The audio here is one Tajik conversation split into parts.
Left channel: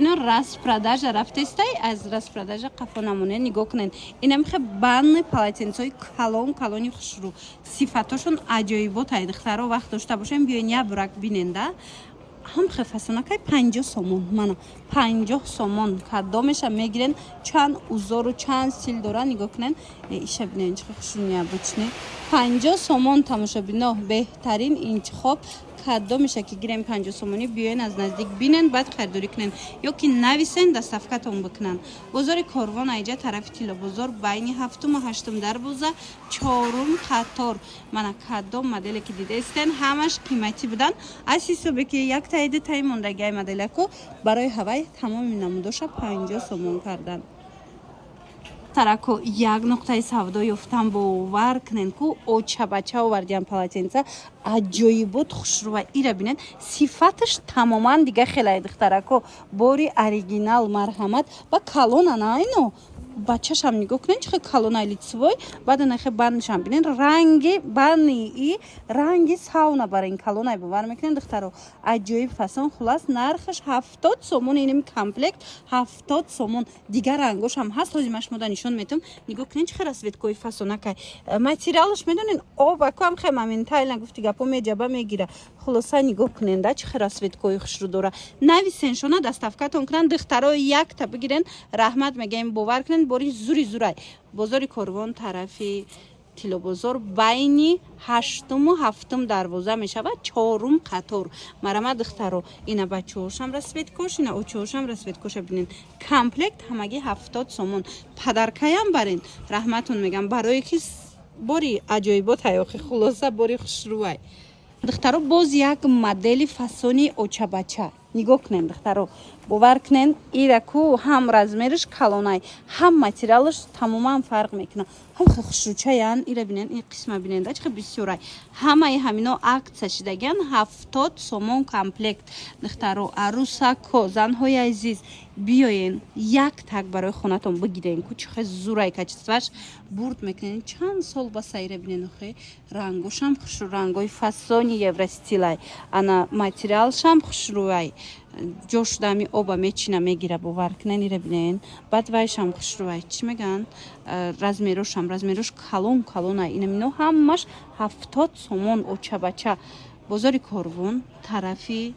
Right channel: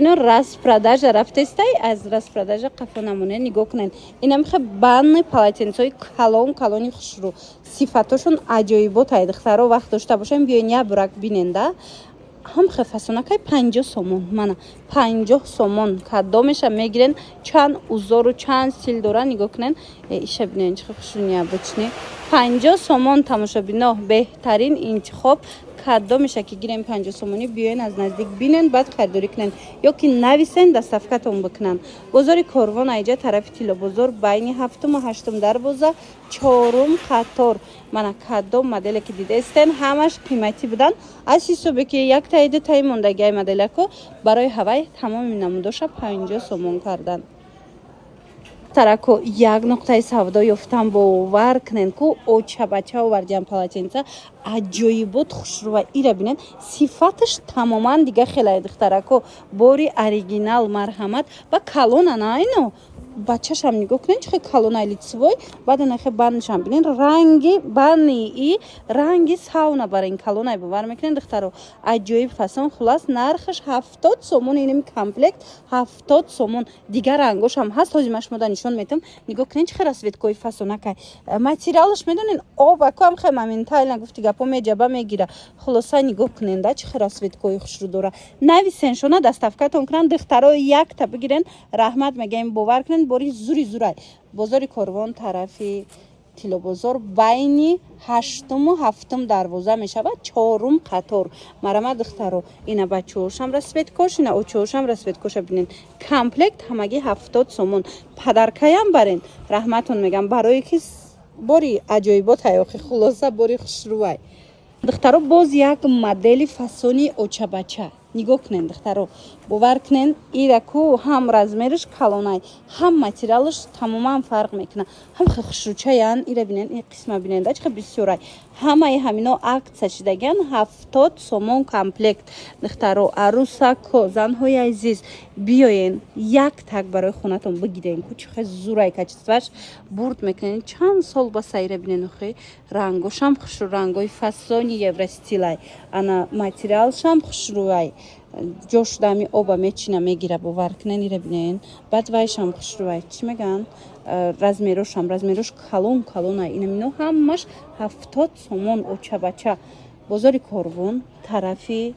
бинен распродажа рафтестай аз распродажа қафо намуне нигоҳ кунед. Инам хе банни полотенцои калони хушрӯ сифатошун аҷоиботай духтаро вақт дошта бошем биёин я бурак биненда ҳам хе фасонакай 50 сомон мана 50 сомон каддо меша мегирен чанд узору чанд стил дора нигоҳ кунен иша бинен чӣ хушрӯ бочни 50 сомон тамошобино беҳтарин интихоб каддо меша ки гирем 50 сомони биёин аз наздик бинен баъд харидорӣ кунен ё ки нависен доставкатон бикунанд. Бозори Корвон айҷа тарафи Тило бозор байни 7-ум ва 8-ум дарвоза 4-ум қатор мана каддо моделе ки дидестен ҳамаш қиматӣ буданд. аз ҳисобе ки як таиди таи мондагиай моделако барои ҳавай тамоми намудоша 50 сомон карданд. тарако як нуқтаи савдо ёфтам бовар кунен ку очабача овардиам полотенца аҷоибот хушрӯва ира бинен сифаташ тамоман дига хелай духтарако бори оригинал марҳамат ва калона наино бачашам нигоҳ кунен чихе калонай лицевой баъд нахе бандшам бинен ранги бани и ранги сауна барин калонай бовар мекунен духтаро аҷоиб фасон хулас нархаш 70 сомон иним комплект 70 сомон дигар рангошам ҳаст ҳозир машмода нишон метам нигоҳ кунен чихе расветкои фасонакай материалаш медонен обакам хе моментально гуфти гапо меҷаба мегира хулоса нигоҳ кунен да чихе расветкои хушрӯ дора нависен шона доставкатон кунанд духтаро якта бигирен раҳмат мегоем бовар кунен бори зури зурай бозори Корвон тарафи Тило бозор байни 8-ум ва 7-ум дарвоза мешавад 4-ум қатор марама духтаро ина бачаҳошам расветкош ина очаҳошам расветкоша бинен комплект ҳамагӣ 70 сомон падаркаям барен раҳматон мегам барое ки бори аҷоибот ҳаёхи хулоса бори хушрӯвай духтаро боз як модели фасони очабача нигоҳ кунен духтаро бовар кунен ираку ҳам размериш калонай ҳам материалиш тамоман фарқ мекунад ҳам хе хушрӯчаян ира бинен ин қисма биненда чихе бисёрай ҳамаи ҳамино акция шидагиян 70 сомон комплект духтаро арусако занҳои азиз биёен як так барои хонатон бигирен ку чихе зурай качестваш бурд мекунен чанд сол ба сайра бинен охи рангошам хушрӯ рангои фасони евростилай ана материалшам хушрӯвай ҷош дами оба мечина мегира бовар кунен ира бинен баъд вайшам хушрӯвай чӣ меган размерош калонай инамино ҳамаш 70 сомон очабача бозори Корвон тарафи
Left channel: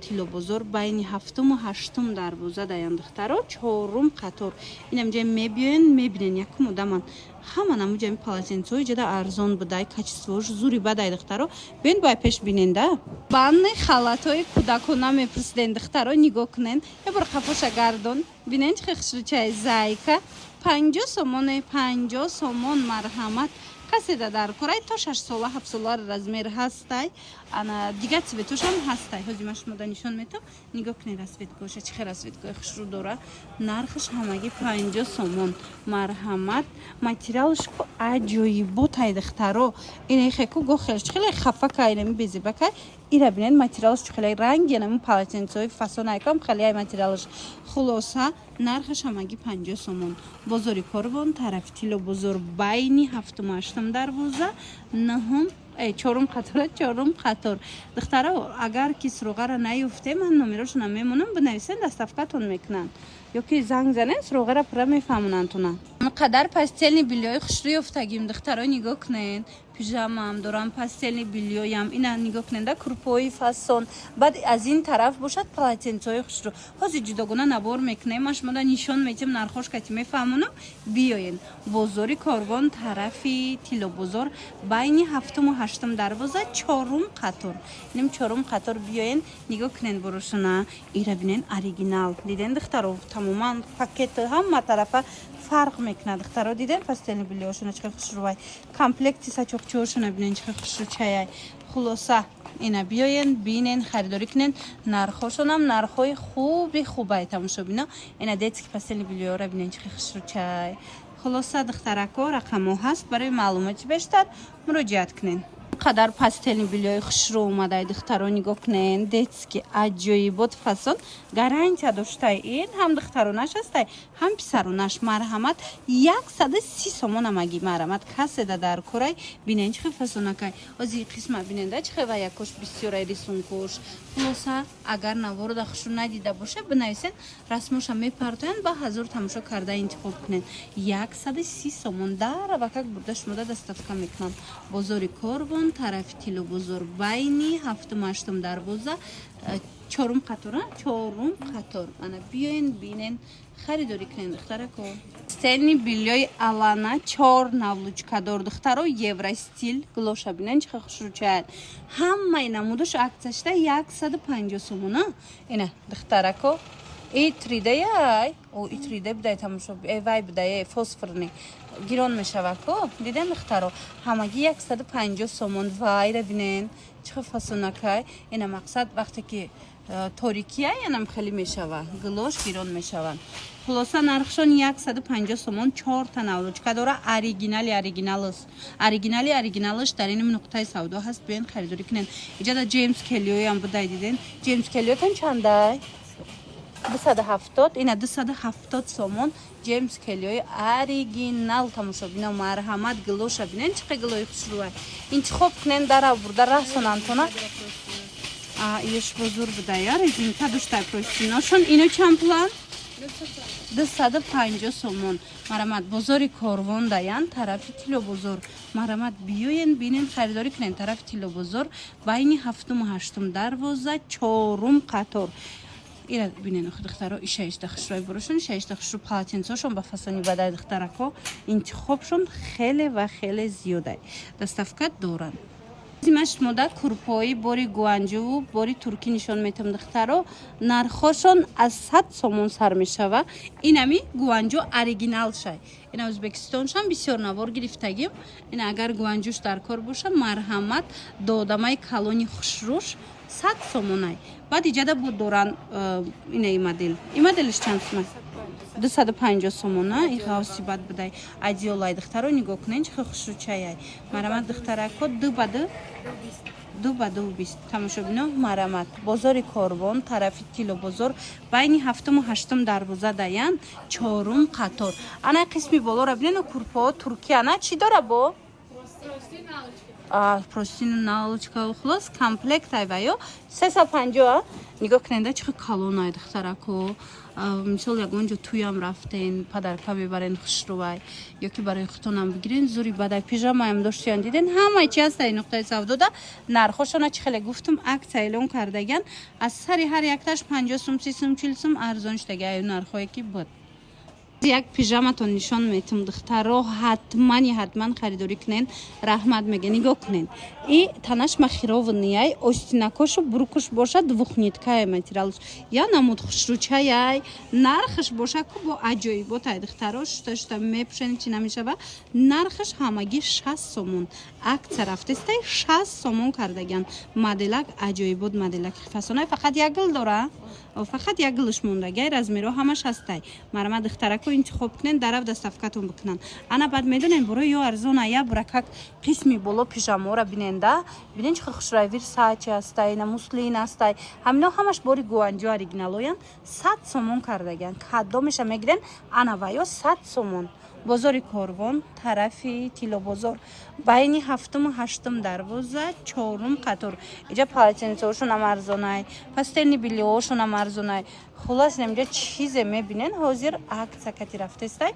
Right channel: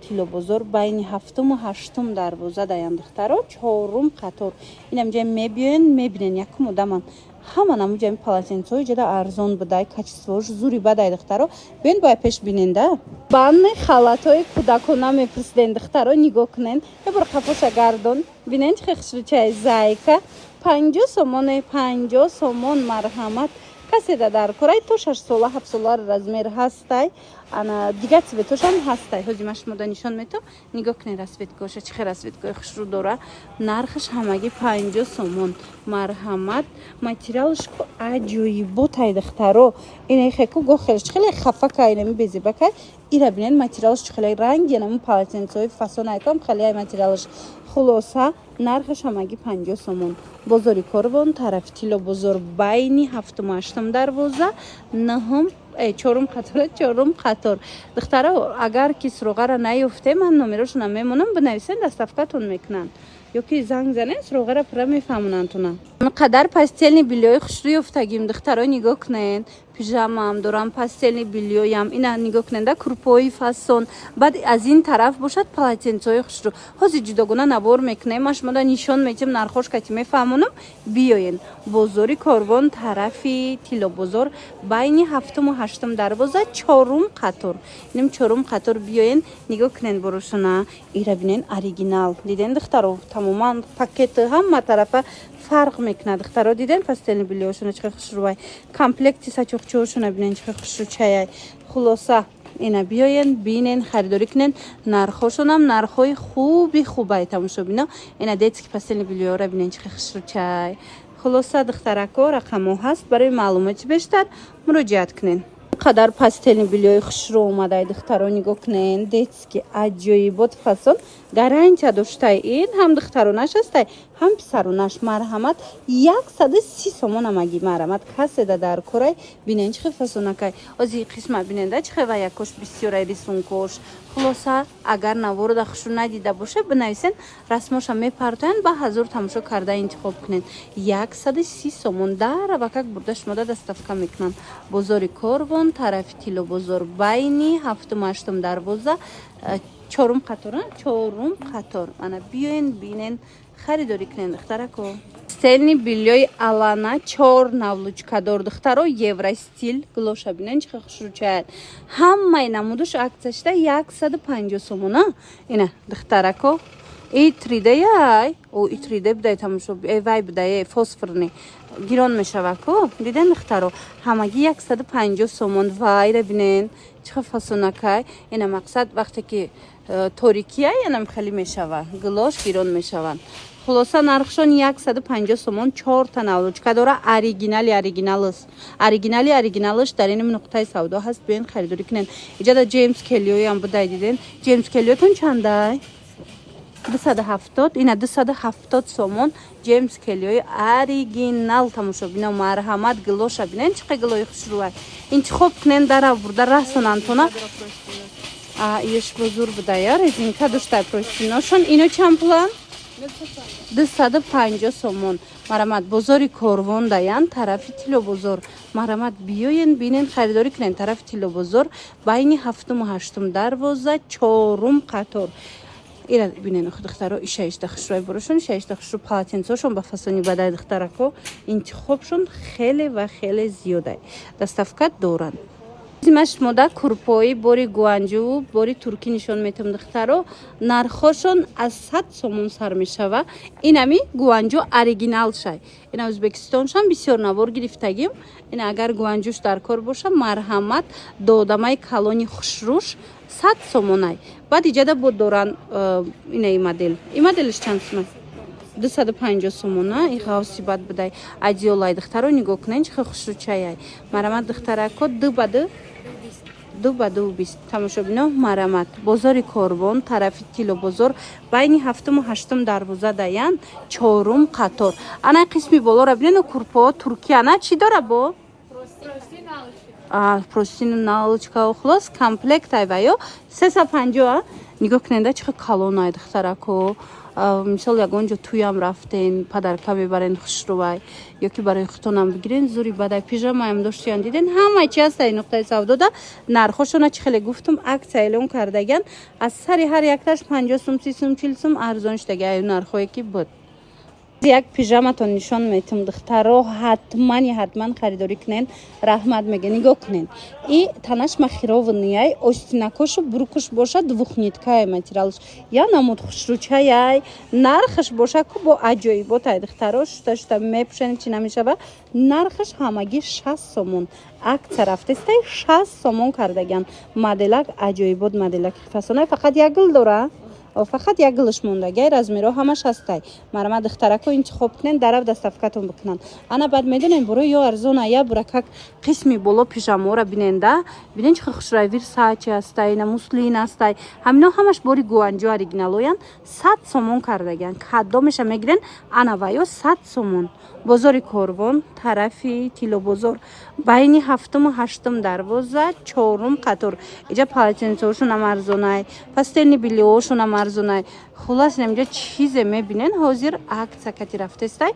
Тило бозор байни 7-ум ва 8-ум дарвоза даян духтаро 4-ум қатор инамҷа мебиёен мебинен якум одаман ҳама намуҷами полотенцои ҷада арзон будай качествош зури бадай духтаро бен бай пеш биненда банни халатои кӯдакона мепурсиден духтаро нигоҳ кунен ебор қафоша гардон бинен чихе хушрӯчаи зайка 50 сомоне 50 сомон марҳамат каседа дар курай то 6 сола 7 сола размер ҳастай ана дига цветошам ҳастай ҳозир машмода нишон метам нигоҳ кунен расветкоша чихе расветкои хушрӯ дора нархаш ҳамагӣ 50 сомон марҳамат материалш ку аҷоиботай духтаро инахеку гохелш чихеле хафакай нами безебакай ира бинен материалш чихеле ранги нами полотенцои фасонайкам халиай материалш хулоса нархаш ҳамагӣ 50 сомон бозори Корвон тарафи Тило бозор байни 7-ум ва 8-ум дарвоза 9-ум 4-ум қатор 4-ум қатор духтаро агар ки суроғара наёфте ман номерошона мемонам бинависен доставкатон мекунанд ё ки занг занен суроғара пура мефаҳмонандтуна қадар пастелни билёи хушрӯ ёфтагим духтаро нигоҳ кунен пижамаам дорам пастелни билёям ина нигоҳ куненда курпои фасон баъд аз ин тараф бошад полотенцои хушрӯ ҳозир ҷудогона набор мекунем ма шумода нишон метем нархош кати мефаҳмонам биёен бозори Корвон тарафи Тило бозор байни 7-ум ва 8-ум дарвоза 4-ум қатор иним 4-ум қатор биёен нигоҳ кунен борошона ира бинен оригинал диден духтаро тамоман пакети ҳама тарафа фарқ мекунад духтаро диден пастелни билёшона чихе хушрӯвай комплекти сачокчаҳошона бинен чихе хушрӯчаяй хулоса ина биёен бинен харидорӣ кунен нархошонам нархҳои хуби хубай тамошобино ина детски пастелни билёра бинен чихе хушрӯчай хулоса духтарако рақамо ҳаст барои маълумоти бештар муроҷиат кунен қадар пастелни билёи хушрӯ омадай духтаро нигоҳ кунен детски аҷоибот фасон гарантия доштай ин ҳам духтаронаш ҳастай ҳам писаронаш марҳамат 130 сомон амагӣ марҳамат каседа дар курай бинен чихе фасонакай ози қисмат биненда чихе ва якош бисёрай рисункош خلاصه اگر نوار خشو ندیده باشه بنویسین رسماشو میپرتین با هزار تماشا کرده انتخاب کنین 130 سومون در بکک برده شما دستافکا میکنن بازار کاروان طرف تیلو بازار بینی هفتم هشتم دروازه چهارم قطار انا بیاین بینین خریداری کنین دختره کو стильный бельёй алана 4 навлучкадор духтаро евростиль глоша бинен чиқа хушручаят ҳамаи намудаш аксияшда 150 сомона ина духтарако и 3D яй о и 3D бидай тамошо вай бидай фосфорни гирон мешавако диден духтаро ҳамаги 150 сомон вайра бинен чиқа фасонакай ина мақсад вақте ки торикия янам хели мешава глош гирон мешаван خلاصه نرخشون 150 سومون 4 تا نولوچکا داره اوریجینالش در این نقطه سودا هست بیاین خریداری کنین اینجا دا جیمز کلیوی هم بودای دیدین جیمز کلیوتون چنده 270 اینا 270 سومون جیمز کلیوی اوریجینال تماشا بینه مرحمت گلوشا بینن چقدر گلوی خسروه این چه خوب کنین در آورده رسونن تونه ایش بزرگ بودای ریزین تا دوشتر پروشتیناشون اینو چند پلان 250 сомон марамат бозори корвон даян тарафи тило бозор марамат биёен бинен харидорӣ кунен тарафи тило бозор байни ҳафтуму ҳаштум дарвоза чорум қатор ира бинен духтаро ишаишта хушрой бурушун ишаишта хушру полотенцошон ба фасони бадай духтарако интихобшон хеле ва хеле зиёдай доставка доранд зимаш мода курпои бори гуанҷу бори туркӣ нишон метам духтаро нархошон аз 100 сомон сар мешава инами гуанҷу оригинал шай ина ӯзбекистоншон бисёр навор гирифтагим ина агар гуанҷуш дар кор боша марҳамат додамаи калони хушрӯш 100 сомонай баъд иҷада бо доран ина моделиш чанд сомон 250 сомона и хавси бад бидай адиолай духтаро нигоҳ кунен чиқа хушрӯчаяй марамат духтарако ду ба ду бист тамошобино марамат бозори корвон тарафи тило бозор байни ҳафтуму ҳаштум дарвоза даян чорум қатор ана қисми болора бинену курпоо туркияна чӣ дора бо простину налочка хулос комплект айваё 350 нигоҳ куненда чиқа калонай духтарако мисол ягонҷо туям рафтен падарка мебарен хушрувай ё ки барои хутонам бигирен зури бадай пижамаам доштиян диден ҳамаи чи ҳастаи нуқтаи савдода нархошона чӣ хеле гуфтум аксия эълон кардаган аз сари ҳар якташ 50 сум 30 сум 40 сум арзоншдаги аю нархое ки буд як пижаматон нишон метам духтаро ҳатман харидорӣ кунен раҳмат мега нигоҳ кунен и танаш махировнияй остинакошу буркуш боша двухниткая материалш я намуд хушрӯчаяй нархаш боша ку бо аҷоиботай духтаро шута мепушен чи намешава нархаш ҳамагӣ 60 сомон акция рафтестай 60 сомон кардаган моделак аҷоибот моделак фасонай фақат як гул дора фақат як гулш мондагай размеро ҳамаш ҳастай марамат духтарако интихоб кунен дарав доставкатон бикунан ана баъд медонен барои ё арзона я буракак қисми боло пижамора биненда бинен чиқа хушрай вирсачи ҳастай ина муслин ҳастай ҳамино ҳамаш бори гуанҷо оригиналоян 100 сомон кардаган кадомеша мегирен ана ваё 100 сомон бозори корвон тарафи тило бозор байни ҳафтуму ҳаштум дарвоза чорум қатор иҷа полотенцошунам арзонай пастелни биллиошунам арзонай хулас намҷо чизе мебинен ҳозир акция кати рафтестай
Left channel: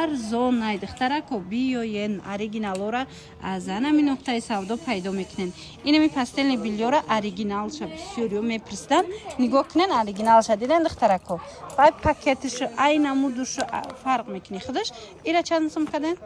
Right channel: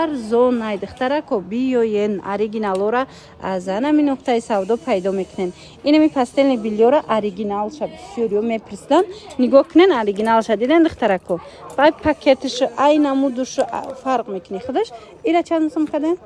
арзонай духтарако биёен оригиналора аз анами нуқтаи савдо пайдо мекунен инами пастелни биллиора оригиналша бисёриё мепирсидан нигоҳ кунен оригиналша диден духтарако бай пакетишу ай намудушу фарқ мекуни худаш ира чанд сум каден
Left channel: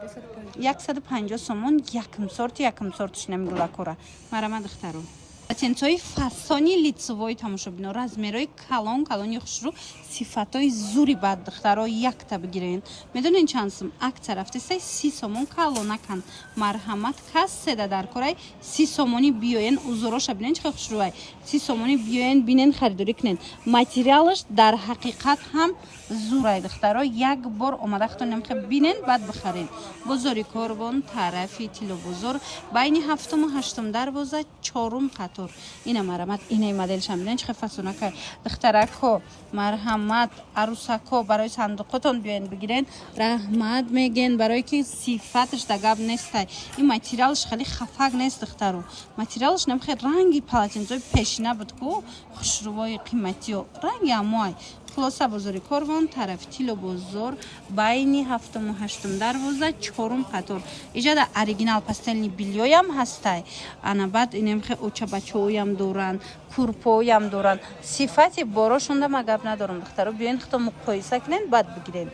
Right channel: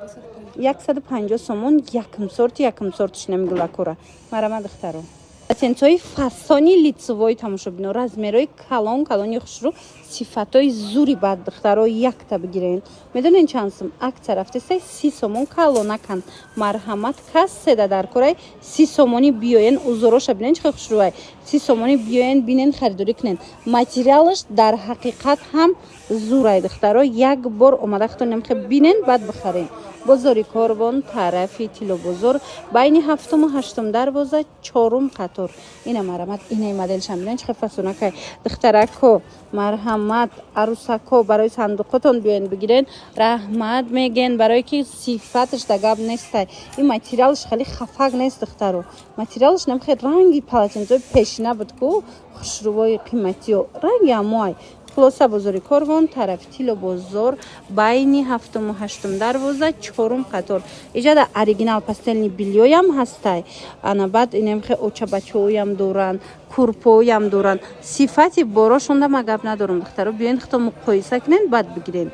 150 сомон якм сортиш намигулакора марамат духтаро полотенцои фасони лицевой тамошобино размерои калони хушрӯ сифатои зури бад духтаро якта бигирен медонен чанд сум акция рафтестай 30 сомон калонакан марҳамат кас седа дар корай 30 сомони биёен узороша бинен чиқа хушрӯай 30 сомони биёен бинен харидорӣ кунен материалаш дар ҳақиқат ҳам зурай духтаро як бор омада хутонем хе бинен баъд бихарен бозори корвон тарафи тило бозор байни ҳафтуму ҳаштум дарвоза чорум қатор ина марамат инаи моделшам бинен чиқа фасонакай духтарако марҳамат арусако барои сандуқотон биёен бигирен раҳмат меген барое ки сифаташ да гап нестай ин материалш хеле хафак нест духтаро материалш намхе ранги полотенцои пеш машина буд ку хушрувои қиматиё ранги амоай хулоса бозори корвон тарафи тило бозор байни 7 8 дарвоза 4 қатор иҷада оригинал пастелни билёям ҳастай ана баъд инем хе очабачоям доран курпоям доран сифати борошонда ма гап надорам духтаро биёин хато муқоиса кунем баъд бигирем